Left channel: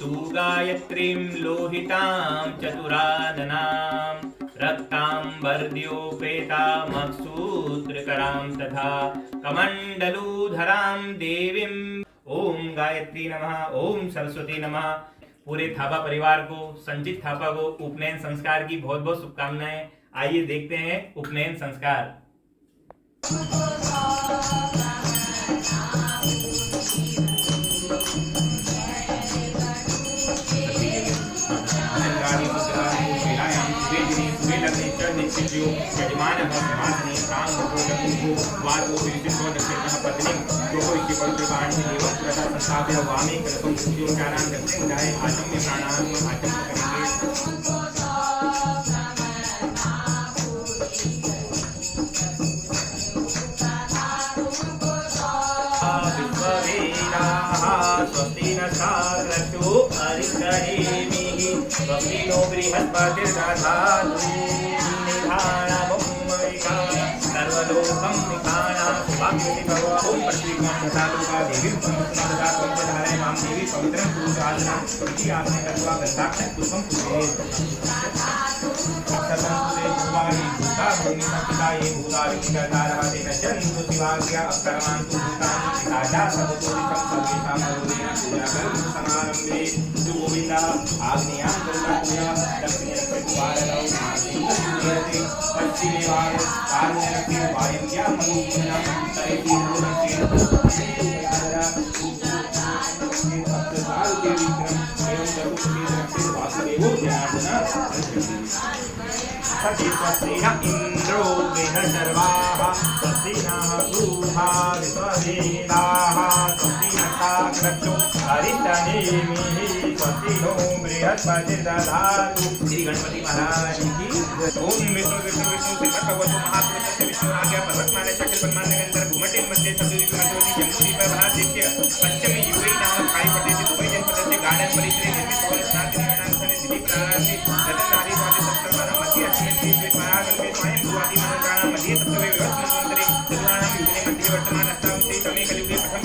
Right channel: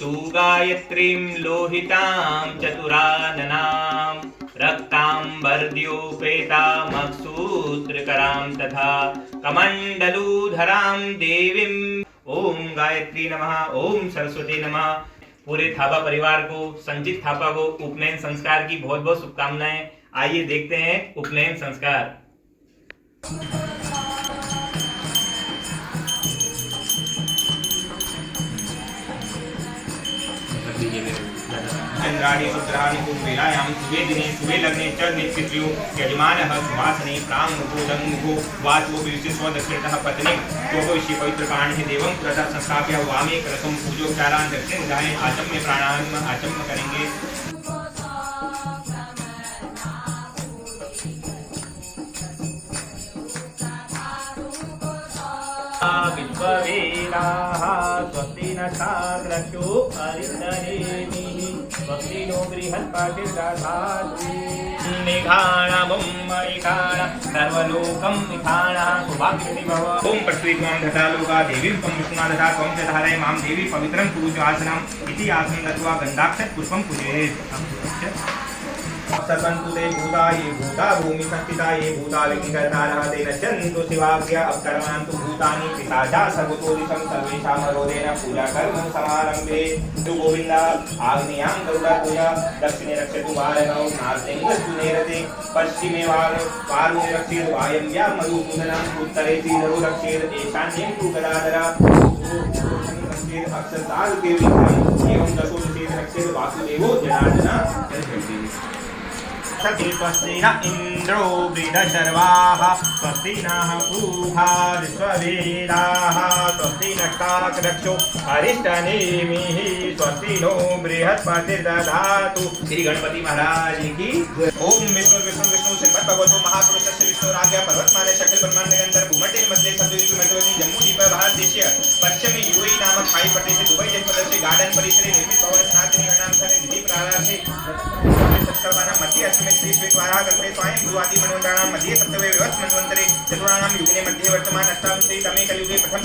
तु गायत्रीं लोहितां चतुराननां रक्तांबर्द्योपेतामसूत्रकरां तथा कमंडलूधरां देवीं। ओम गायत्री नमः, ओम सरस्वती नमः। पूरे थापा परिवार को, संचित थापा को उपनयन संस्कार की बहुत बहुत शुभकामनाएं। आइए देखते हैं उपनयन संस्कार। चंद्राणि रुद्राणि कुम्भीरायां सुवेदिने सुवे लग्ने च निश्चित्यो यजमानः सुवासने प्राङ्मुखो वाचो विशिष्टो दक्षिणतः पत्नीं जोगोष्य पवित्रकाण्डे देवं पुरतः संस्थाप्य वामे क्रतुं पूजोपचारान् दक्षिणदाय आचम्य प्राणान् आचम्य करेंगे। विश्ववेदाः स्वस्ति न साग्रतो अरिष्टनेमिः स्वस्ति नो बृहस्पतिर्दधातु निघाणमुं मणिघाण सर्वलोकं निघाणः सुभाग्यति भव। ओम पृथ्वीत्वां धतालोका देवीं त्वं विष्णुना ददा त्वं च धारय मां देवी पवित्रं कुरुषु आसनम् इति आसनं दत्वा गन्धाक्षत पुष्पं पूजयेत्। सर्वन्तुले भूताये भूता भूमि संस्थिता ये भूतालिङ्गकर्तारः तेन चन्तु शिवाज्ञा अवतरन्तु भूतानि पिताचा सर्वतोदितं सर्वेषां मरोदेन पूजाकर्म समारम्भे। गोविन्द आग्नेयां गरुडपूजा दक्षिणे रक्षतु वारणौ नास्ति पश्चिमे पार्श्वे रक्षेतु वायव्यां मधुपूर्णम् उत्तरे तीरो रक्षेतु ईशान्ये तु गदाधरा एवं चतुर्थे रक्षेतु वासुदेवो जनार्दन। स्वस्ति न इंद्रो वृद्धशर्वाः स्वस्ति नः पूषा विश्ववेदाः स्वस्ति नक्षत्रक्षो अरिष्टनेमिः स्वस्ति नो बृहस्पतिर्दधातु। श्री गणपति महाराज की। ओम विष्णु विष्णु विष्णु श्रीमद् भगवतो महापुरुषस्य विष्णुराज्ञा पर्वतमाला शक्ल ब्रह्मांड निरंतर भूमंडल मध्ये सद्योदित मठोनी जम्मूद्वीप भारत देशीय पश्चिमी यूएई नामक पाई पट्टे से दुबई जनपद से गार्डन परिसरे निर्मित भवन स्नातनी नाम से विधि प्रारंभ से रतनदारी वाले सत्कर्माना मध्य अस्मिन् श्री द्वारा कल्पे स्वयं भुवादि मनोदानां मध्ये सप्तमे विवत् मन्वन्तरे चतुर्णानां युगे मध्ये वर्तमान अष्टादशे तमे कलियुगे प्रथम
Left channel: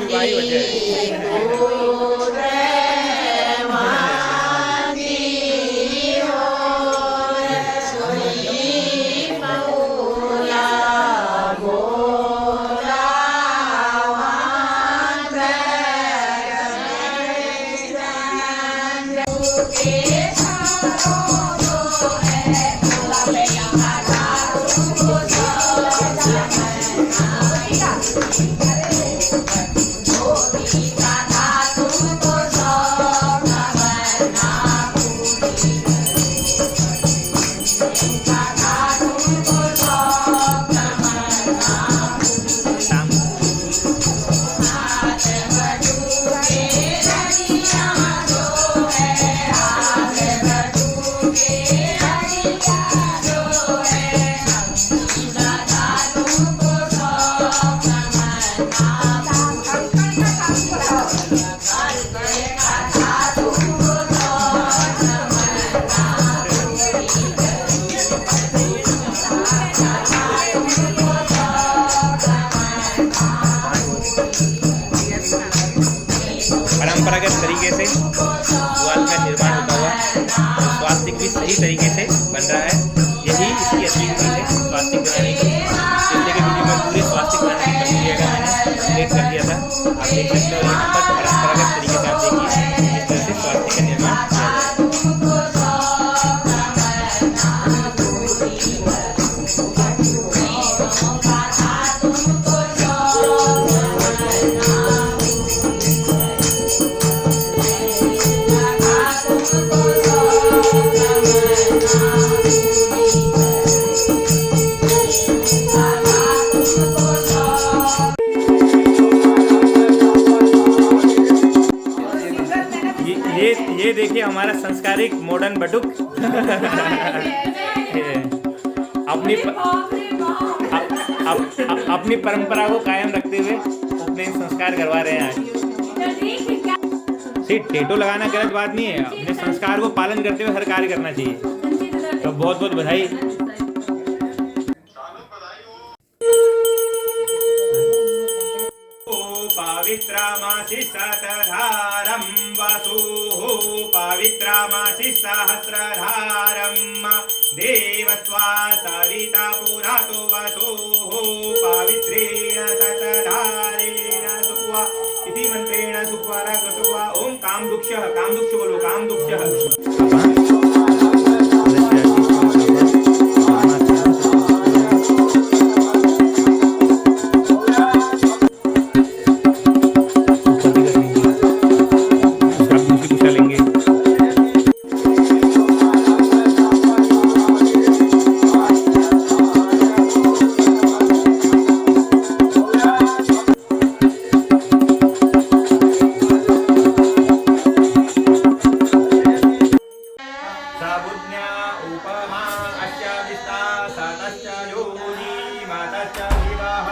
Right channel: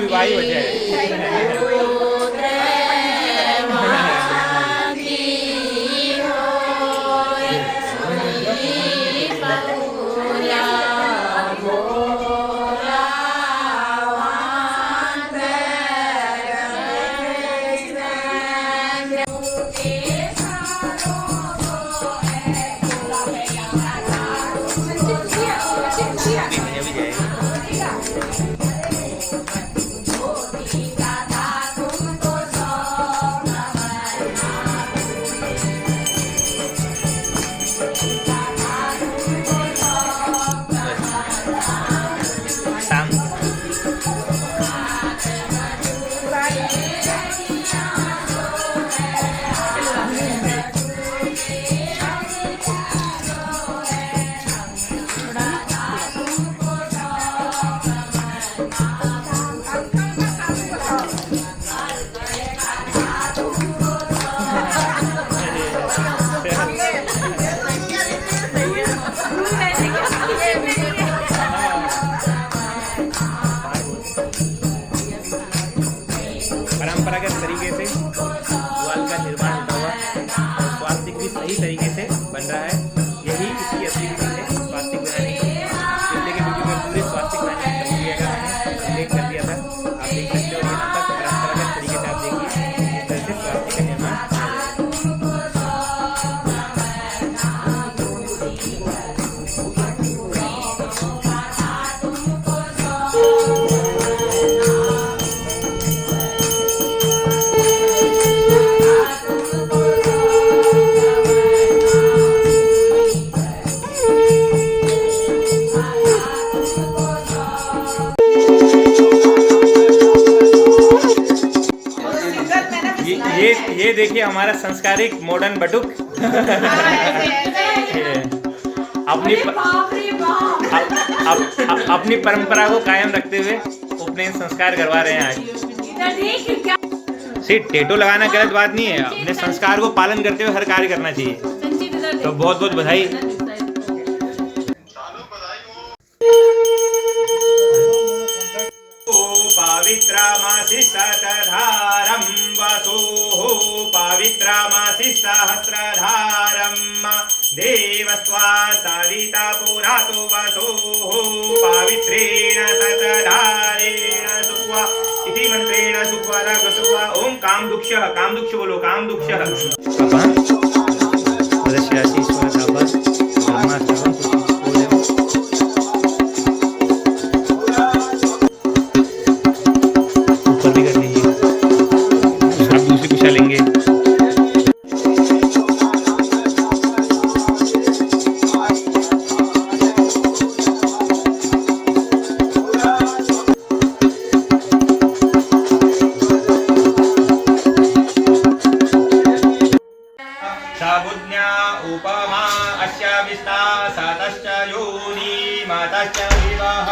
विवाही हो जाए। परंपरागत तरीके से पुआल का निर्माण होता हुआ स्वास्तिक भी सही तरीके से बन रहा है। यही इसकी असली रीति है स्वास्तिक बनाने की। पिछले के वीडियो में पूरे स्वास्तिक बनाने की प्रक्रिया का मैंने उल्लेख कर दिया था। आप देख सकते हो यहाँ पर परंपरागत तरीके से आप देखिए इस तरह से स्वास्तिक का निर्माण किया ये देखिए हमारा संस्कारिक मॉडर्न बटुक अपनी परंपरा को कायम रखते हुए उपनयन संस्कार करवा रहे हैं आज। सिर्फ टेटो लगाना गलत बात नहीं है, अपने संस्कार को पालन करते हुए हर कार्य करना चाहिए। तो बहुत बहुत बधाई। पवित्रमासि शतधारं वसुः पवित्रमासि सहस्रधारं देवस्त्वा सविता पुरातो वसुः पवित्रेण शतधारेण सुक्वा इति मंत्रेण सुक्वा रघुत्वा ओम कामदुक्षः कामदुक्ष बोलो कामदुक्षः उपमा अस्य विस्तासतश्च योनि मातश्च विवाह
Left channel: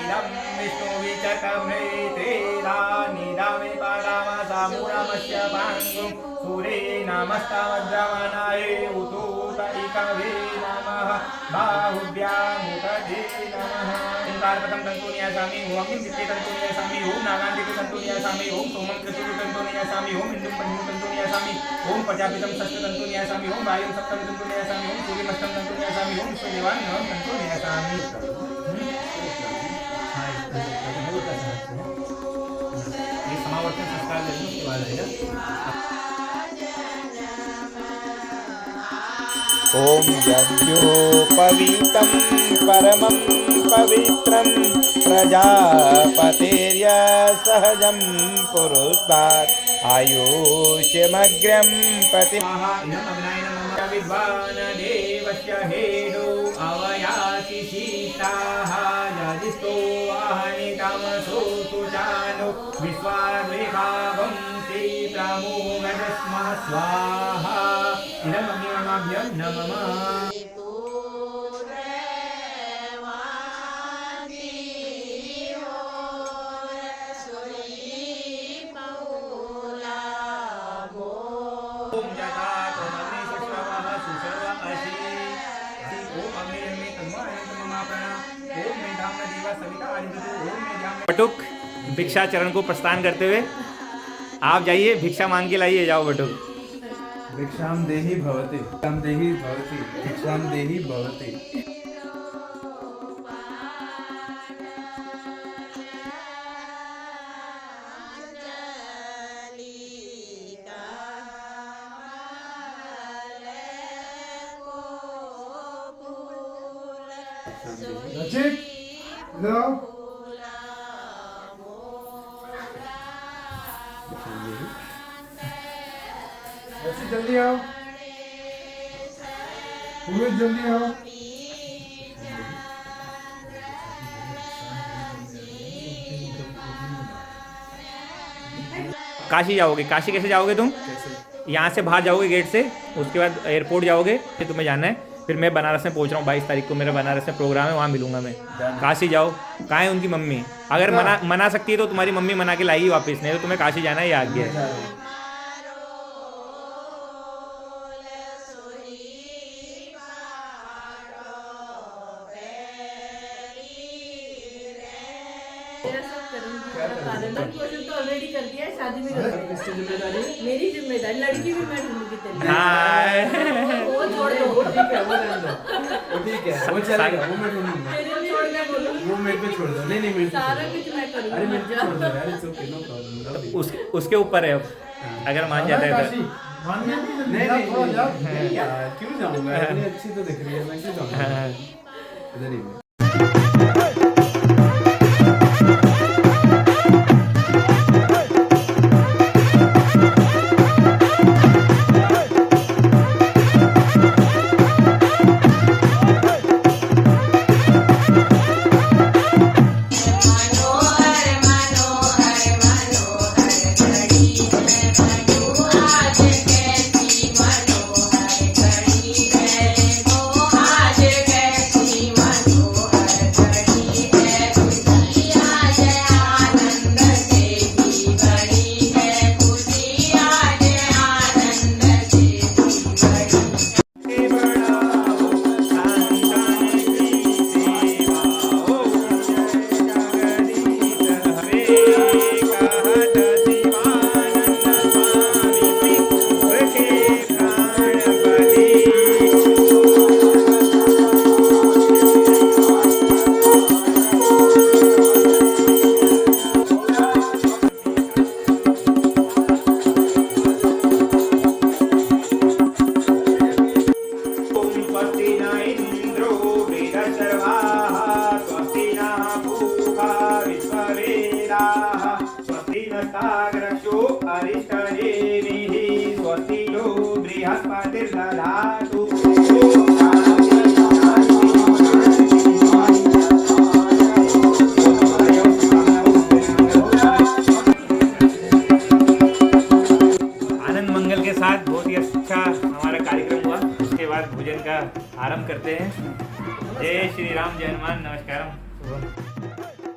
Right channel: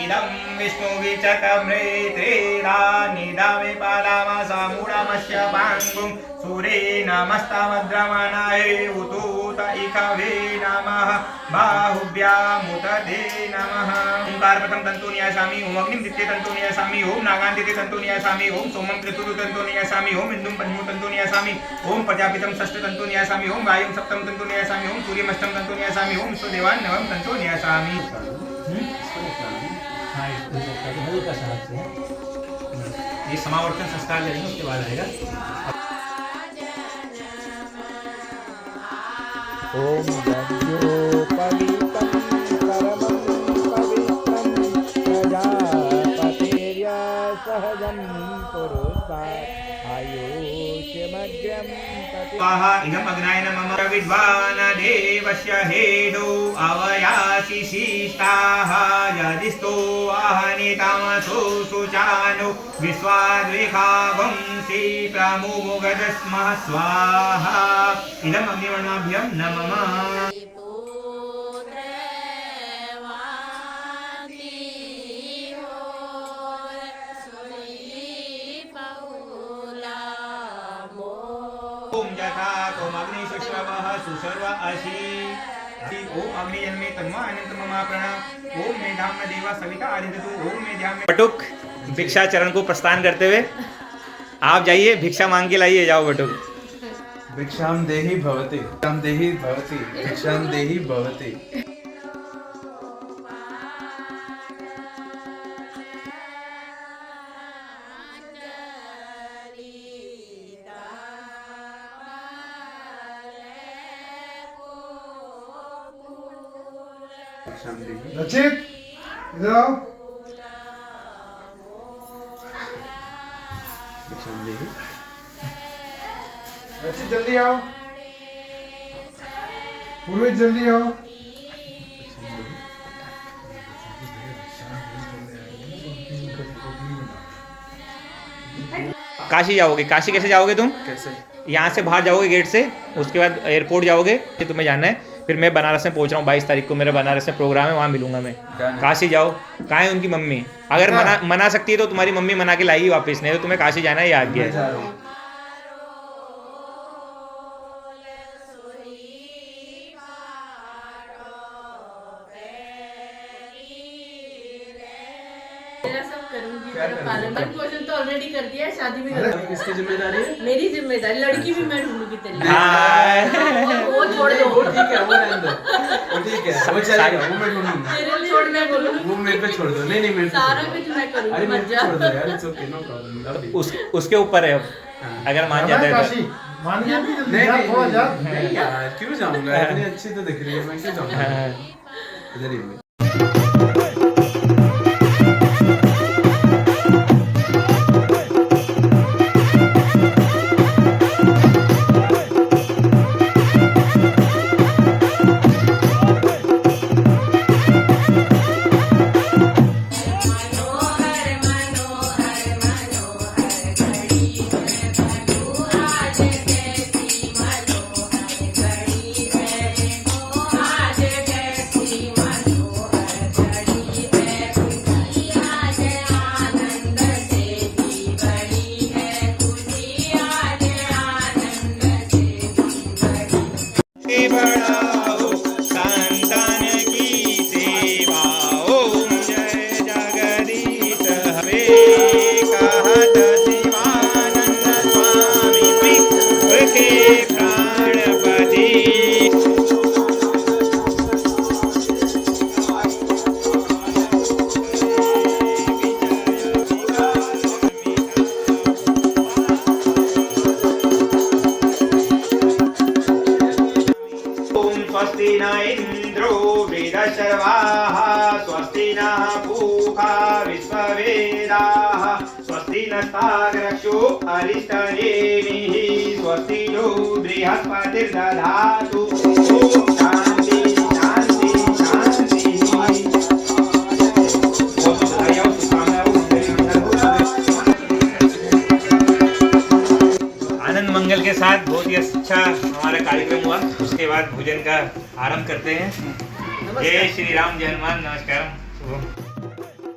इदं विष्णुविचक्रमृत्रेदा निदामे पादामासा मूढमस्य पाङ्गुं सूरे नमस्तमद्रमणाय उतूत इकवे नमः बाहुभ्यामुतते नमः। ओंकार प्रथम तंतु न्यासामि ओम अग्निं द्वितीय तंतु न्यासामि ओम नागां तृतीय तंतु न्यासामि ओम सोमं चतुर्थ तंतु न्यासामि ओम इंदुं पंचमं तंतु न्यासामि ओम प्रजापितं षष्ठ तंतु न्यासामि ओम वायुं सप्तम तंतु न्यासामि ओम सूर्यमष्टम तंतु न्यासामि ओम विश्वदेवान् नवम तंतु न्यासामि। ये समावर्तन संस्कार करेंगे उसके बाद आएगा। ओम यज्ञोपवीतं परमं पवित्रं प्रजापतिर्य सहजं पुरुषात् आयुष्यमग्र्यं प्रतिवाहा इदम् अग्नाय नमः विद्वान् देवस्य हेदो अवयासि सीताः यदिस्तो वाहनितामसो सुचानो विश्वाद्विखावंसि प्रमुगजस्मः स्वाहा इदम् अग्निवर्णाभ्यं नमः। ओम जथा ओम अग्नि सुश्रवः सुसर्व अशी ओम अग्नि जन्मे तन्वा अनंत ममा प्रणा ओम मेधाम्न देवा सविता आदित्यु ओम मेधाम्न। बटुक भिक्षाचरण को प्रस्थान करते हुए आप जाइए भिक्षा मांग के लाइए। जाओ बटुक। भिक्षां देहि भवति भिक्षां देहि भवति भिक्षां देहि भवति। रचित इधर आओ। रचित जल्दी आओ। पूर्वी जल्दी आओ। काशी जाओगे? काशी कैसे जाओगे तुम? कैसे? यहाँ से बाहर जाओगे गेट से, उसके बाद एयरपोर्ट जाओगे, फिर तुम्हें जाना है। फिर मैं बनारस में पहुँच रहा हूँ 22 तारीख को, मेरा बनारस में प्रोग्राम है, वहाँ मिलूंगा मैं। काशी जाओ। कहाँ है उनकी मम्मी? अगर मना सकती है तो तुम्हारी मम्मी मना के लाएगी वापस, नहीं तो तुम्हें काशी जाना है, ये आज्ञा है। सब करूंगी। क्या मेरा कर पालन रहे हो? पोषण तो ऑलरेडी कर दिया है, शादी भी कर दी। किसकी जिम्मेदारी है? मेरी जिम्मेदारी, लड़की भी मैं ढूंढूंगी तेरे लिए। हाय वो छोड़ दो, वो ठीक है, वो रहने दो, वो ठीक है, वो चलेगा, वो मैं ढूंढूंगा। तेरे लिए छोड़ना बोलूंगी। वो मेरे पे छोड़ दो, नहीं नहीं मेरे पे सारा छोड़ दो। कुछ मैं अरे करूंगी, मेरे मत पे जा। छोड़ दो यार, इट्स ओके, नो प्रॉब्लम। उसके ऊपर है अब, हाँ। अगर मान जाता है काशी तो। मान गया भी जल्दी नहीं जा, नहीं थोड़ा जा। नहीं यार, क्यों जाऊंगा? इतनी अच्छी तो दिख रही है, मैं क्यों जाऊंगा? हाँ। इधर ही हूँ। स्वस्ति न इंद्रो वृद्धशर्वाः स्वस्ति नः पूषा विश्ववेदाः स्वस्ति नस्तार्क्ष्यो अरिष्टनेमिः स्वस्ति नो बृहस्पतिर्दधातु ॐ शान्ति शान्ति शान्ति। आनंद मंगल के साथ बहुत ही अच्छा हमारा कार्यक्रम हुआ। उसके बाद भोजन का आरंभ करते हैं। जय श्री राम, जय हनुमान, नमस्कार, शुभम।